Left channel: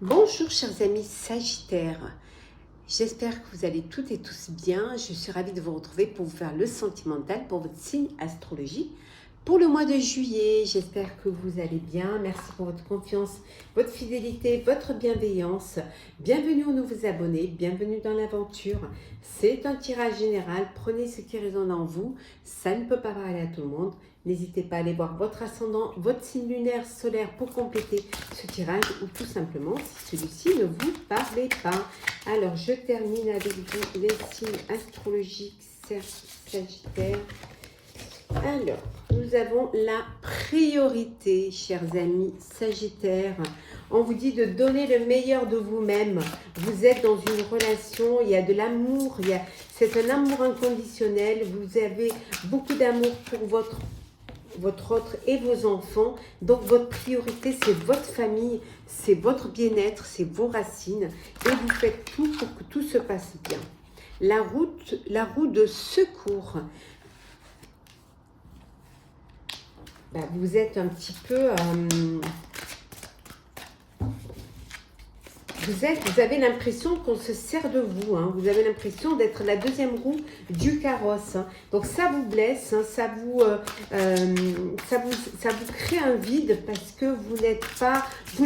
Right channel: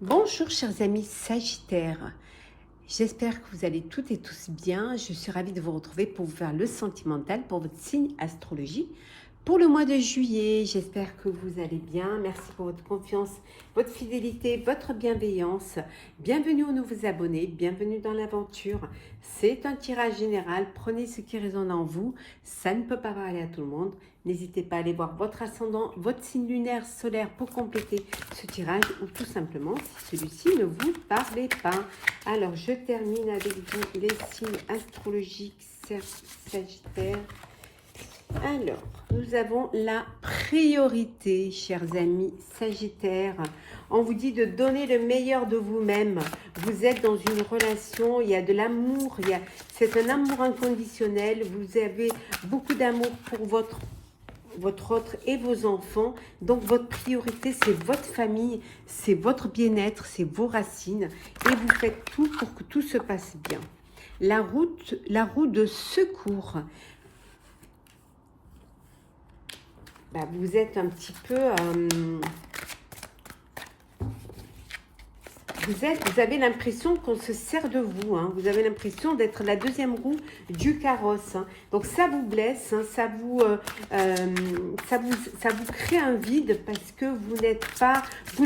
Bonjour chers amis Sagittaires, j'espère que vous allez toutes et tous bien. Je suis ravie de vous retrouver pour vous faire le sentimental pour votre signe astrologie pour le mois de juillet. J'espère que vous allez bien. Merci pour votre confiance, votre fidélité, votre bienveillance. Bienvenue aux nouveaux abonnés, bienvenue dans l'aventure. C'est un tirage général, prenez ce qui résonne en vous. Ça ne peut pas parler à tout le monde. N'hésitez pas à aller voir votre ascendant, votre signe lunaire, solaire pour compléter ce tirage ou tout simplement si celui-ci ne vous parlait pas. Alors, je termine avec vous les signes astrologiques Sagittaire. Alors, nous avons la priorité, chers amis Sagittaires. On vous dit de donner le meilleur de vous-même. Vous êtes dans une relation, il y a de l'amour, c'est un amour inconditionnel. Vous avez beaucoup d'amour pour votre autre et vos enfants. Donc votre priorité, c'est votre famille, c'est votre bien-être, c'est vos racines. Et vous faites tout pour que tout se passe bien. La roue de secours. Vous êtes un petit peu... Vous avez l'impression qu'on se sert de vous, hein. Vous avez l'impression d'être la deuxième roue du carrosse, hein. Donc ça vous blesse, hein, ça vous crée un vide parce que vous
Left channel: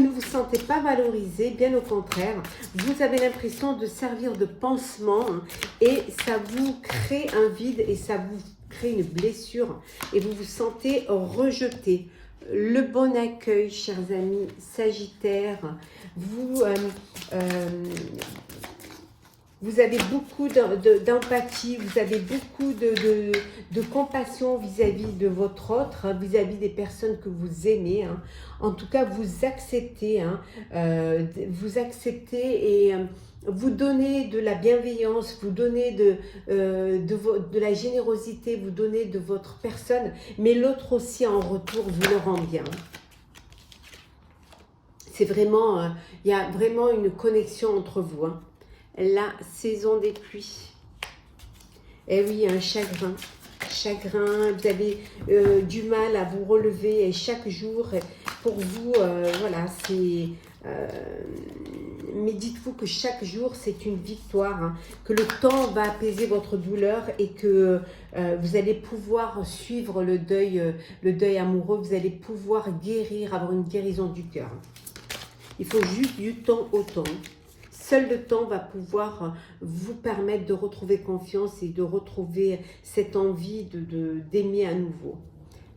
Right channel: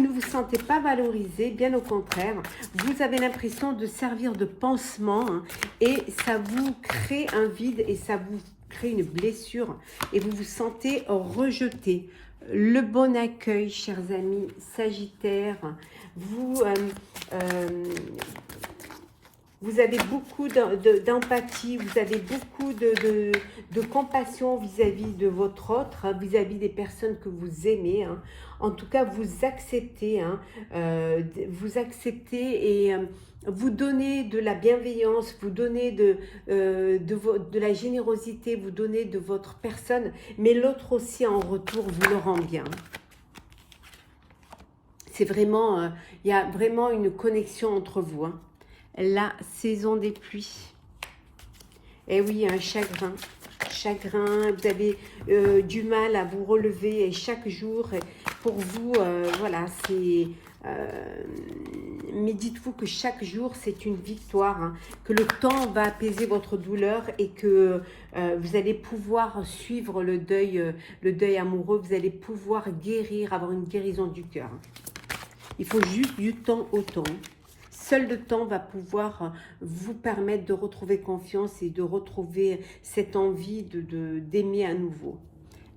ne vous sentez pas valorisé, bien au contraire. Vous avez l'impression de servir de pansement, hein, et ça vous crée un vide et ça vous crée une blessure et vous vous sentez rejeté. Le bon accueil, chers amis Sagittaires. Vous avez beaucoup d'empathie, vous avez beaucoup de compassion vis-à-vis de votre autre, hein, vis-à-vis des personnes que vous aimez, hein. En tout cas, vous acceptez, hein, et vous donnez de la bienveillance, vous donnez de la générosité, vous donnez de votre personne, mais l'autre aussi en retour vous le rend bien. C'est vraiment, il y a vraiment une connexion entre vous, hein. La saison des pluies. Eh oui, un chagrin. Vous avez du mal à vous relever et chaque jour, pour vous, voilà, c'est... mais dites-vous que chaque jour, c'est une victoire, hein, que le temps va apaiser votre douleur et que vous allez pouvoir suivre le deuil amoureux, vous allez pouvoir guérir, avoir une guérison du cœur. Il faut juste du temps au temps. Seul le temps va pouvoir vous permettre de retrouver confiance et de retrouver cette envie d'aimer à nouveau.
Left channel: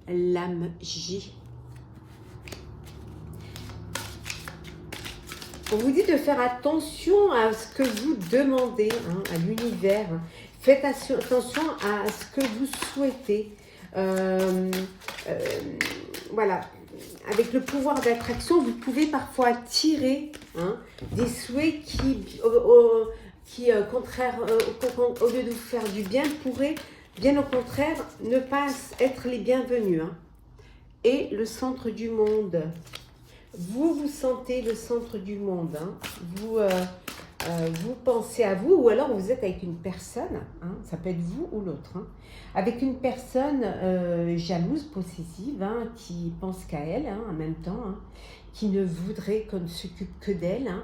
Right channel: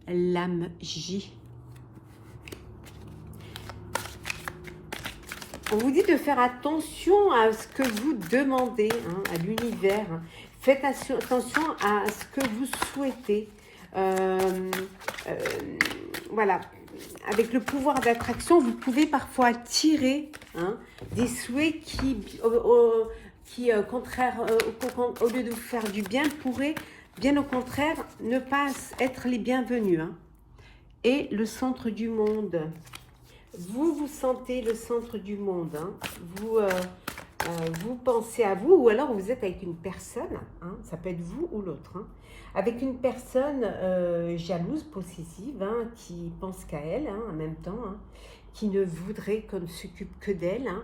L'âme J. On vous dit de faire attention à ce que vous demandez, hein, à l'univers. Faites attention à ce que vous souhaitez. Voilà. Avec le pouvoir d'attraction, vous pouvez parfois attirer, hein, des souhaits qui contraire, au lieu de vous faire du bien, pourraient, bien au contraire, ne pas être les bienvenus, hein. Et le centre du monde. Vous vous sentez le centre du monde, hein. Vous pensez à vous, ou alors vous êtes avec une personne, hein, ça peut être vous ou l'autre, hein, avec une personne jalouse, possessive, hein, qui pense qu'à elle, hein, en même temps, hein, qui ne voudrait qu'on ne s'occupe que d'elle, hein.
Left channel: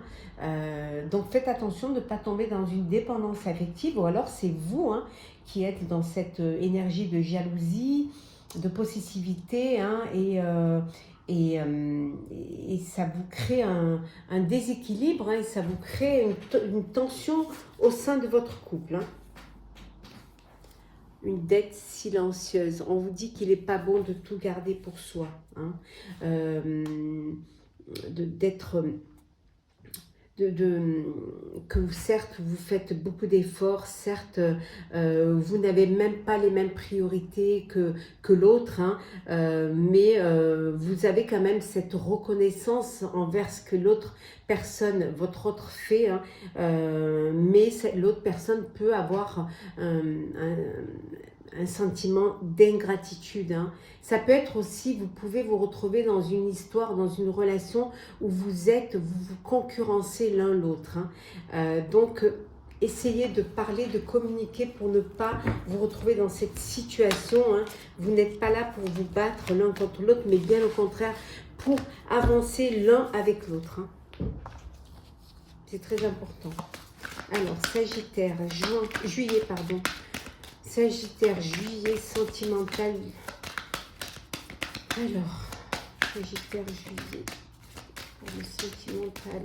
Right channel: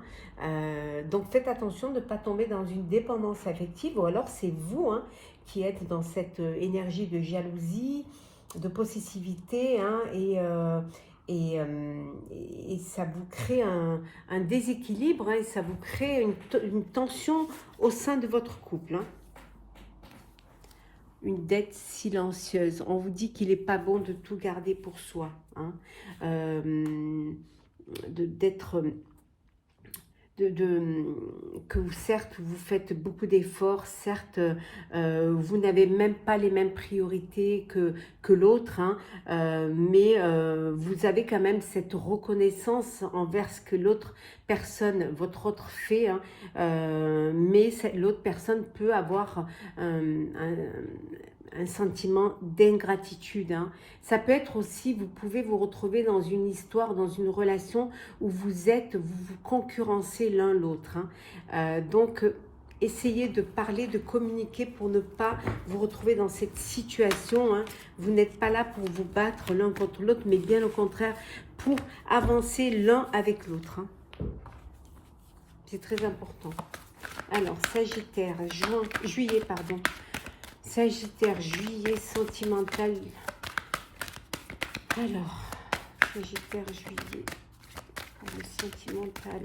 Donc faites attention de ne pas tomber dans une dépendance affective, ou alors c'est vous, hein, qui êtes dans cette énergie de jalousie, de possessivité, hein, et ça vous crée un déséquilibre, hein, et ça vous crée une tension au sein de votre couple, hein. Une dette silencieuse. On vous dit qu'il n'est pas bon de tout garder pour soi, hein, que certes vous faites beaucoup d'efforts, certes vous n'avez même pas les mêmes priorités que l'autre, hein, mais vous avez quand même cette reconnaissance envers ce que l'autre personne, votre autre fait, hein, mais l'autre personne peut avoir un sentiment d'ingratitude, hein. Ça peut être aussi, vous pouvez vous retrouver dans une histoire, dans une relation où vous vous concurrencez l'un l'autre, hein. Donc, essayez de parler, de communiquer pour ne pas vous retrouver dans cette situation, hein. Vous n'êtes pas là pour vous battre l'un contre l'autre, mais bien au contraire, pour avancer l'un avec l'autre, hein. C'est très important. Alors, Sagittaire, juillet, pardon. Sagittaire, juillet, sentimental. Alors, Sagittaire, juillet, sentimental.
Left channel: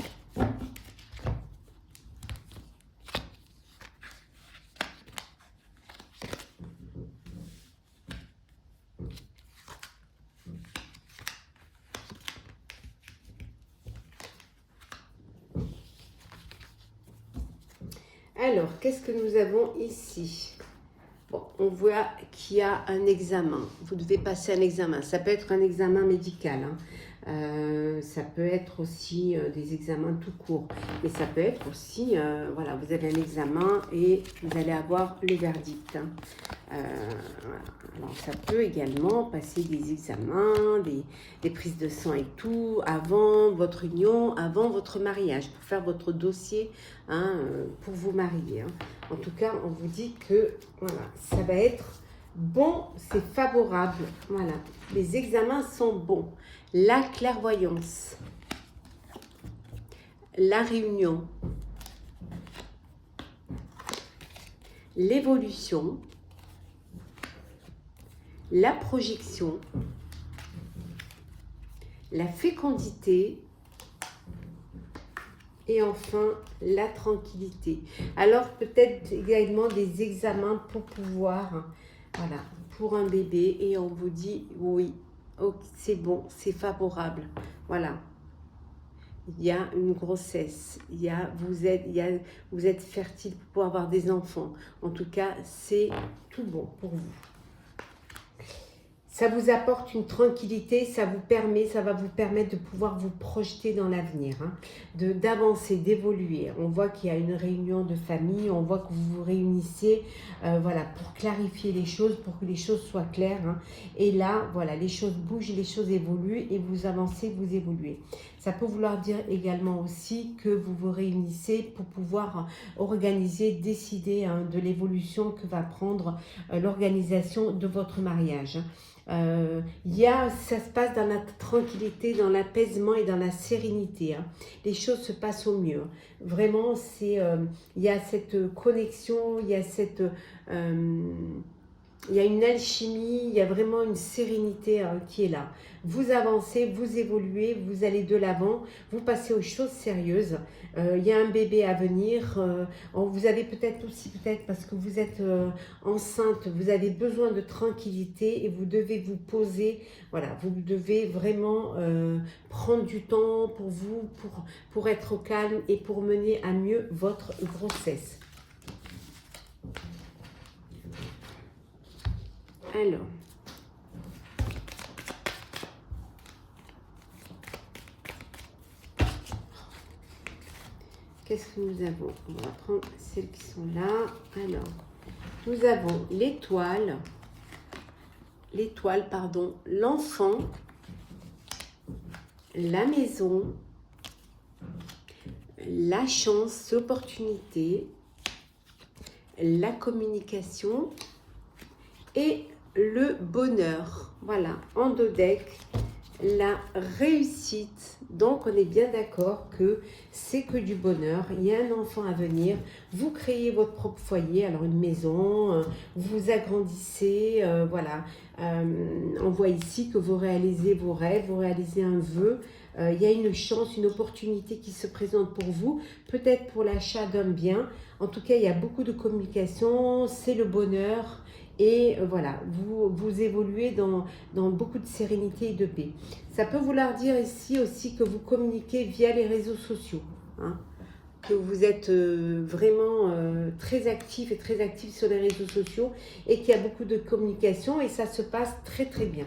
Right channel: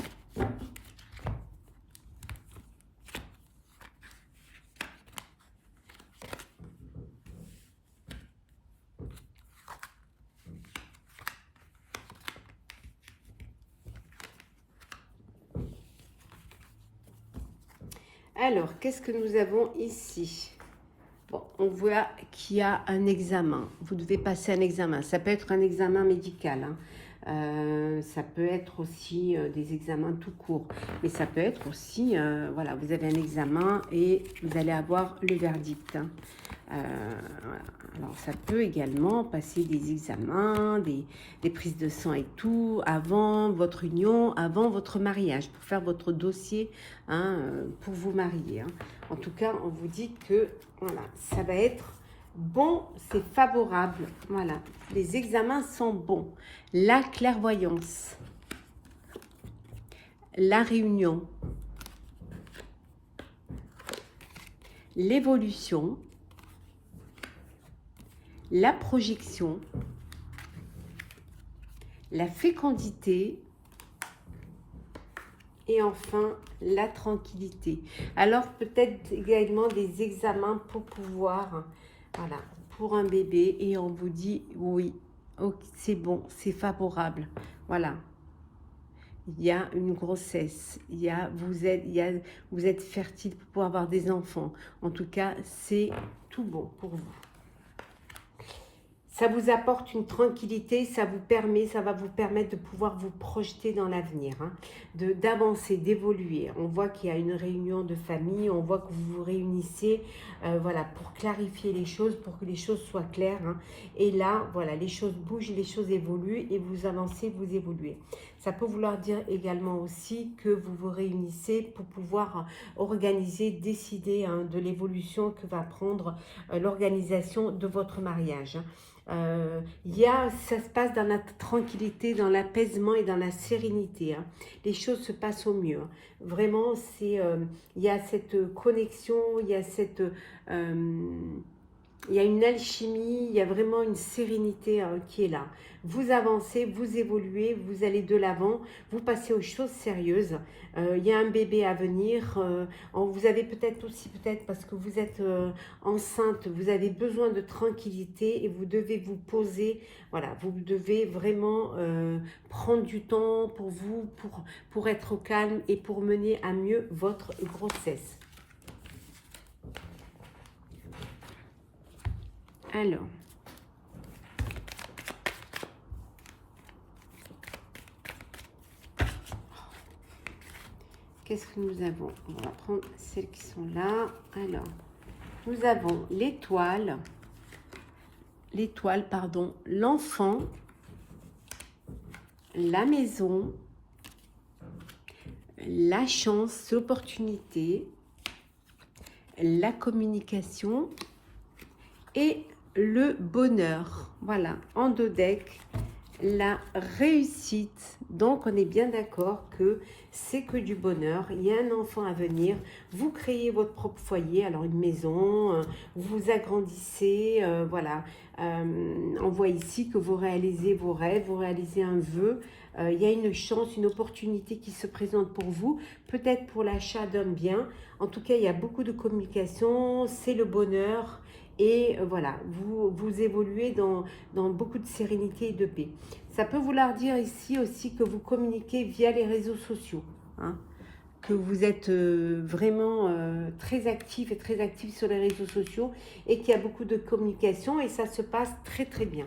Alors, qu'est-ce que nous avons ici? Bon, on voit qu'il y a un examen. Vous devez passer un examen. Ça peut être un examen médical, hein. Ça peut être aussi des examens tout court. Mais ça peut être aussi, voilà, vous avez un examen et vous allez avoir le verdict, hein. Alors, ça peut également passer des examens, des prises de sang et tout, avant votre union, avant votre mariage, pour faire votre dossier, hein, pour vous marier, hein. En tout cas, on vous dit que voilà, ça va être bon, c'est favorable. Voilà, les examens sont bons. La clairvoyance, la réunion, l'évolution, la projection, la fécondité et enfin la tranquillité. Alors peut-être également des examens pour pouvoir, voilà, pour un bébé, et on vous dit oui, c'est bon, c'est favorable. Voilà. Il y a une grossesse, vous êtes fertile pour pouvoir avoir des enfants. En tout cas, c'est tout bon pour vous. Ça vous apporte une tranquillité, ça va vous permettre de pouvoir vous projeter dans l'avenir, hein, d'avancer, d'évoluer. On voit qu'il y a une réunion de famille, on voit que vous vous réunissez, voilà, pour clarifier les choses, pour que les choses soient claires, hein. Et là, voilà, les choses bougent, les choses évoluent et vous avancez, vous évoluez. Ça peut vouloir dire également aussi que vous vous réunissez pour pouvoir organiser, décider, hein, de l'évolution que va prendre l'organisation de votre mariage, hein. Ça se passe dans la tranquillité, dans l'apaisement et dans la sérénité, hein. Les choses se passent au mieux, hein. Vraiment, il y a cette connexion, il y a une alchimie, il y a vraiment une sérénité, hein, qui est là. Vous avancez, vous évoluez, vous allez de l'avant, vous passez aux choses sérieuses. Il y a un bébé à venir. Vous avez peut-être parce que vous êtes enceinte, vous avez besoin de tranquillité et vous devez vous poser. Voilà, vous devez vraiment prendre du temps pour vous, pour être au calme et pour mener à mieux votre grossesse. Alors, qu'est-ce que nous avons? On va prendre celles qui sont là. Alors, nous avons l'étoile, l'enfant, la maison, la chance, l'opportunité, la communication et le bonheur. Voilà, en dos deck, la réussite. Donc on est bien d'accord que c'est que du bonheur. Il y a un enfant à venir, vous créez votre propre foyer, alors une maison, vous agrandissez, voilà. On voit ici que vous réalisez vos rêves, vous réalisez un vœu. Il y a une chance, une opportunité qui se présente pour vous, peut-être pour l'achat d'un bien. En tout cas, il y a beaucoup de communication, c'est le bonheur. Et voilà, vous évoluez dans beaucoup de sérénité et de paix. Ça peut vouloir dire ici aussi que vous communiquez via les réseaux sociaux, hein, que vous êtes vraiment très actif et très actif sur les réseaux sociaux et qu'il y a beaucoup de communication et ça se passe très très bien.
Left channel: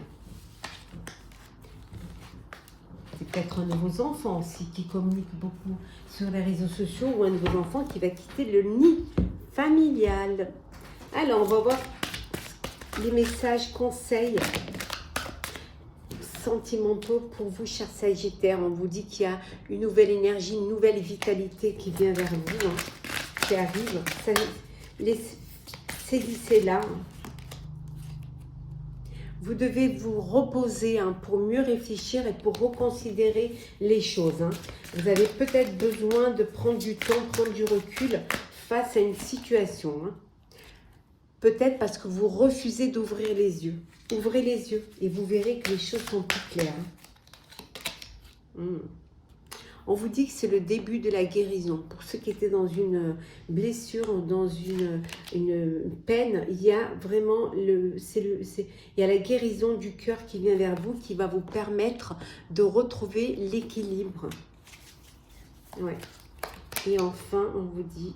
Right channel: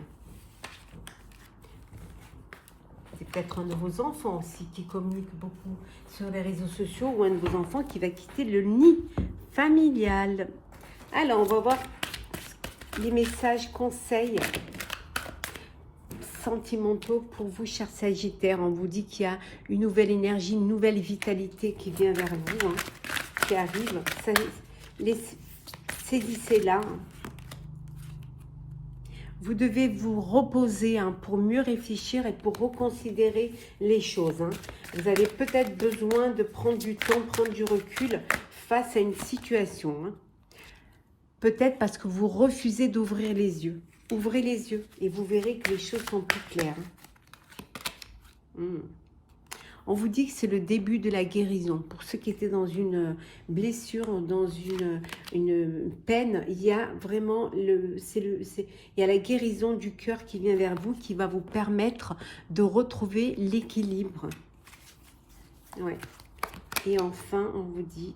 C'est peut-être un de vos enfants aussi qui communique beaucoup sur les réseaux sociaux ou un de vos enfants qui va quitter le nid familial. Alors, on va voir les messages, conseils sentimentaux pour vous, chers Sagittaires. On vous dit qu'il y a une nouvelle énergie, une nouvelle vitalité qui vient vers vous, hein, qui arrive. Saisissez-la. Vous devez vous reposer hein, pour mieux réfléchir et pour reconsidérer les choses. Hein. Vous avez peut-être besoin de prendre du temps, prendre du recul face à une situation. Hein. Peut-être parce que vous refusez d'ouvrir les yeux. Ouvrez les yeux et vous verrez que les choses sont plus claires. On vous dit que c'est le début de la guérison. Pour ceux qui étaient dans une blessure, dans une peine, il y a vraiment il y a la guérison du cœur qui vient vers vous, qui va vous permettre de retrouver l'équilibre. Ouais. Et enfin, on vous dit,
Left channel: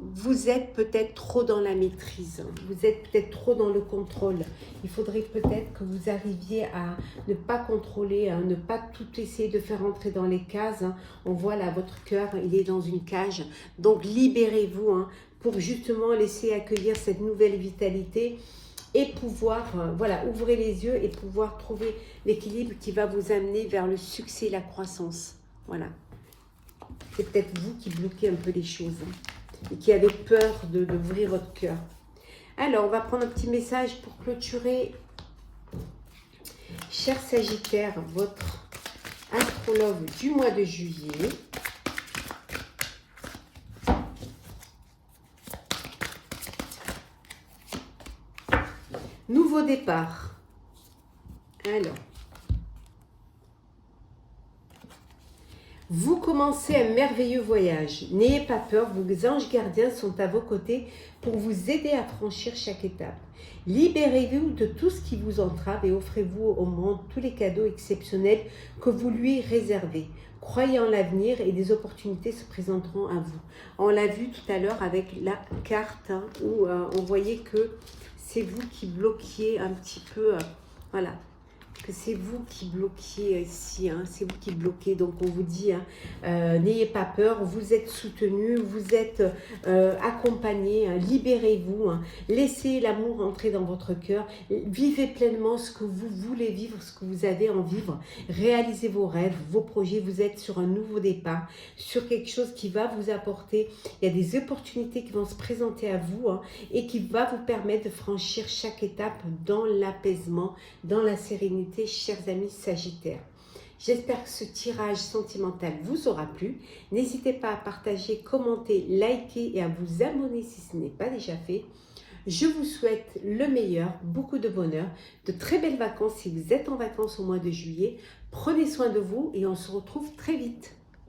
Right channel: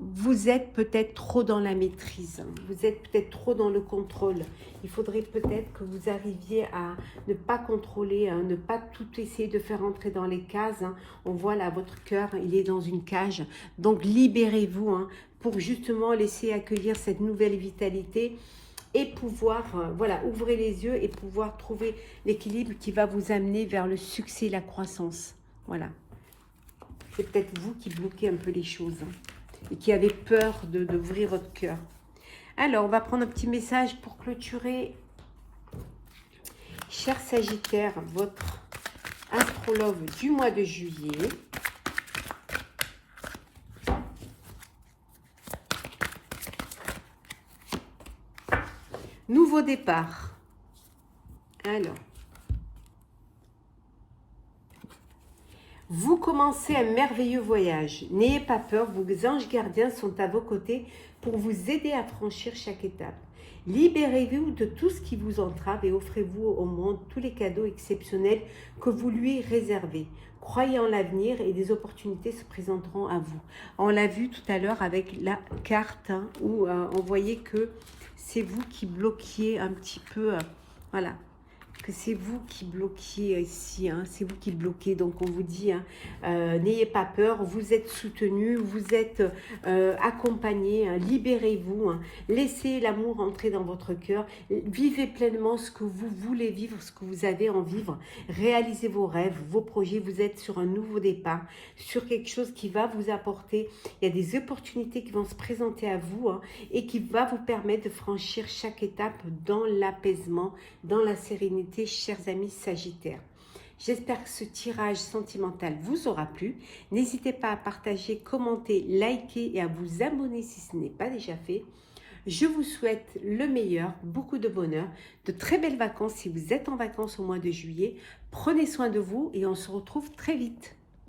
vous êtes peut-être trop dans la maîtrise, vous êtes peut-être trop dans le contrôle. Il faudrait peut-être que vous arriviez à ne pas contrôler, à ne pas tout essayer de faire entrer dans les cases. On voit là, votre cœur, il est dans une cage. Donc libérez-vous pour justement laisser accueillir cette nouvelle vitalité et pouvoir, voilà, ouvrez les yeux et pouvoir trouver l'équilibre qui va vous amener vers le succès et la croissance. Voilà. C'est peut-être vous qui bloquez un peu les choses. Et qui avez peur d'ouvrir votre cœur. Alors, on va prendre un petit message pour clôturer. Cher Sagittaire, votre astrologue du mois de juillet. Nouveau départ. Alors. Vous commencez un merveilleux voyage. N'ayez pas peur, vos anges gardiens sont à vos côtés pour vous aider à franchir chaque étape. Libérez-vous de tout ce qui vous entrave et offrez-vous au monde tous les cadeaux exceptionnels que vous lui réservez. Croyez en l'avenir et des opportunités se présenteront à vous. On l'a vu tout à l'heure avec la carte où on voyait que c'est vous qui bloquiez un petit peu, voilà. Que c'est vous qui bloquez ici, c'est vous qui bloquez, donc on vous dit, n'ayez pas peur, vous êtes soutenu, vous êtes accompagné, libérez-vous, laissez l'amour entrer dans votre cœur, vivez pleinement ce que vous voulez vivre, ce que vous avez en vivre, réalisez vos rêves, vos projets, vous êtes sur un nouveau départ, sur quelque chose qui va vous apporter, il y a des opportunités qui vont se présenter à vous et qui va vous permettre de franchir chaque étape dans l'apaisement, dans la sérénité, chers amis Sagittaires. J'espère que ce tirage sentimental vous aura plu. N'hésitez pas à partager, commenter, liker et à vous abonner si ce n'est pas déjà fait. Je vous souhaite le meilleur, beaucoup de bonheur, de très belles vacances si vous êtes en vacances au mois de juillet. Prenez soin de vous et on se retrouve très vite.